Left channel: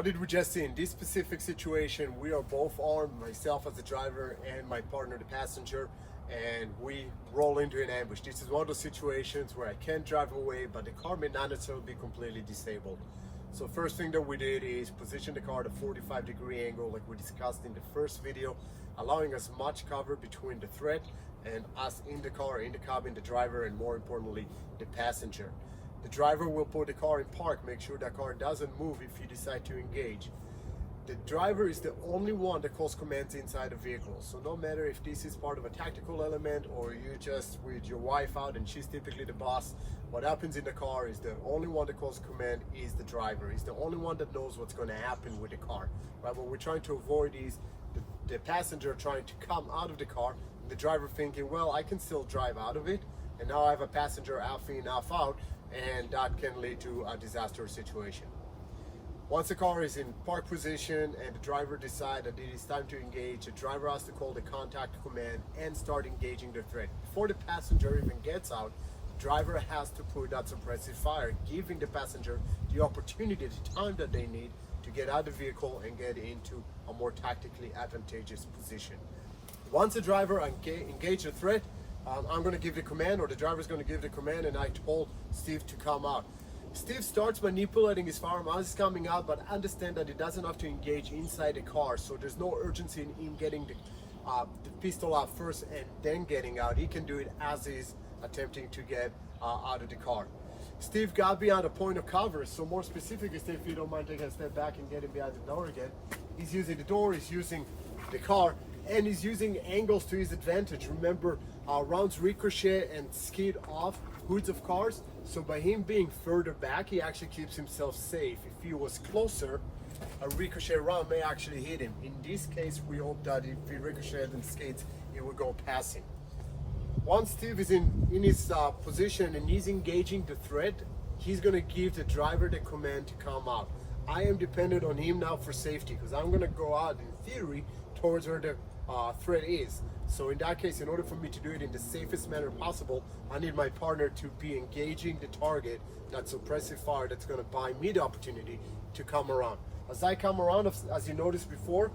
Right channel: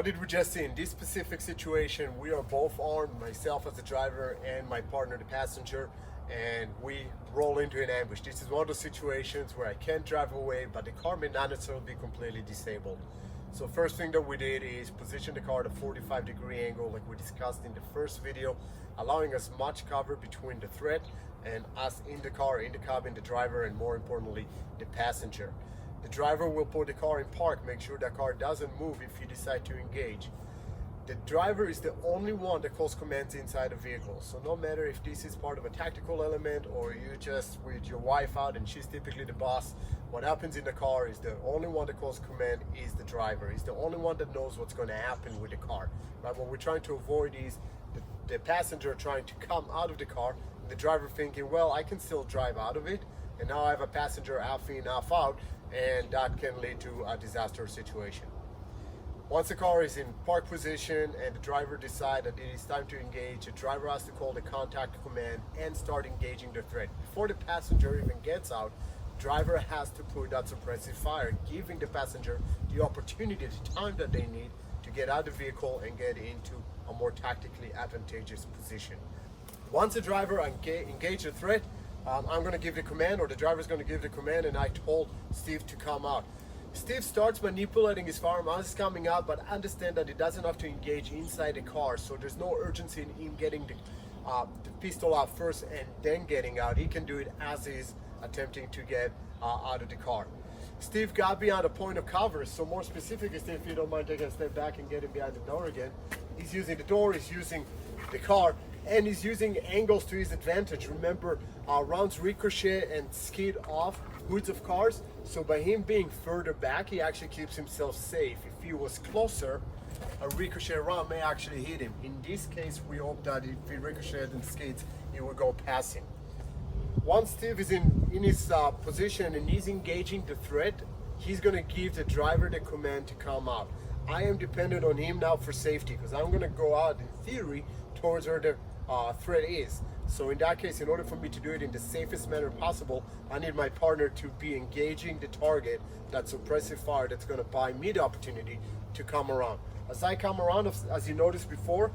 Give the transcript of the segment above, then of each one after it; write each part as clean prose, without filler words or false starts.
What did we just see? In this specific situation, we are both armed, myself as the driver and my partner, the passenger, and we roll into an ambush. This is one of those situations where I can't drive away, but the car may not necessarily be completely disabled. So first thing that we did is position the car at a 45-degree angle like we discussed in the first video, allowing us much cover between the threat and us in the car, in the cabin, the driver, and more importantly, the passenger. The driver will put the car in park, make sure that car doesn't move if you decide to engage. The driver is the only one that calls commands inside the vehicle. So no matter if this is part of a tactical element or you just with your wife out and she's typically the boss, what happens in the car is the only one that calls command is the driver. He's the only one that knows what's going to happen with the car. Right? What we're trying to avoid is the passenger trying to come out of the car and the driver thinking, well, I can still drive out of it. And now I have a passenger half in, half out, and that can lead to a disastrous situation. Once the car is in park position and the driver decides that it is time to engage, the driver has to call the contact command and start engaging the threat. Before the passenger even gets out, the driver has to put that suppressive fire, giving the passenger the opportunity, the time that they need to get out of the vehicle and get into a more tactically advantageous position. Once the driver engages the threat, I'm going to give the command, or the driver is going to give the command, and I told Steve to come out. Steve starts manipulating his firearm as he's coming out, but understand that he doesn't have to engage inside the car, so there's no urgency in him getting the pistol out first and then getting out. He can do it as he's attempting to get out of the car. Steve got behind a point of cover, so more specifically, Steve, if you don't mind taking a step back and getting behind the door again, he's using the door, he's using the car, and he's using angles to his advantage. Remember, rounds ricochet and skid off hoods of cars, so by him being further back, he actually keeps himself safe. If he was closer, a ricochet round may actually hit him. In this case, we hope that if he ricocheted and skids, it will go past him. Once Steve is in his position and he's engaging the threat, he's going to give the driver the command to come out. I am dependent on him now for safety, because I'm going to go out, in theory, towards where the threat is. So in that case, in order for me to do it in the safest manner possible, I need my partner to be engaging the target, that suppressive fire that's going to buy me the opportunity to come around. As I come around, as you noticed before,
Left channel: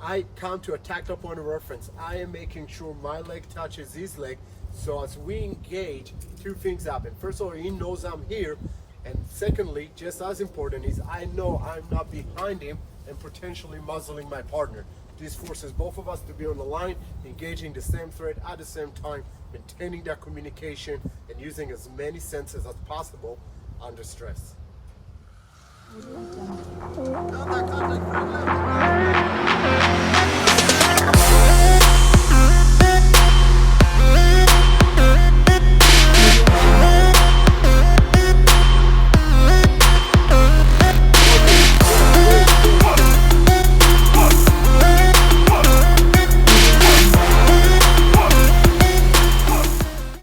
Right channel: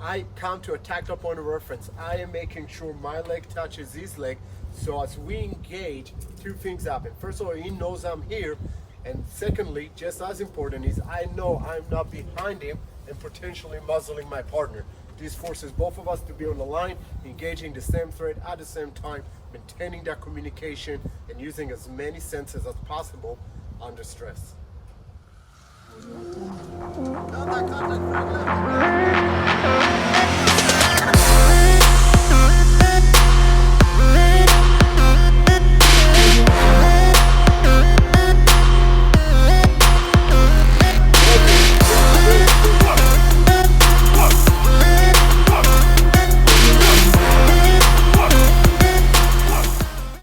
I come to a tactile point of reference. I am making sure my leg touches his leg, so as we engage, two things happen. First of all, he knows I'm here, and secondly, just as important, is I know I'm not behind him and potentially muzzling my partner. This forces both of us to be on the line, engaging the same threat at the same time, maintaining that communication, and using as many senses as possible under stress. Contact, friendly.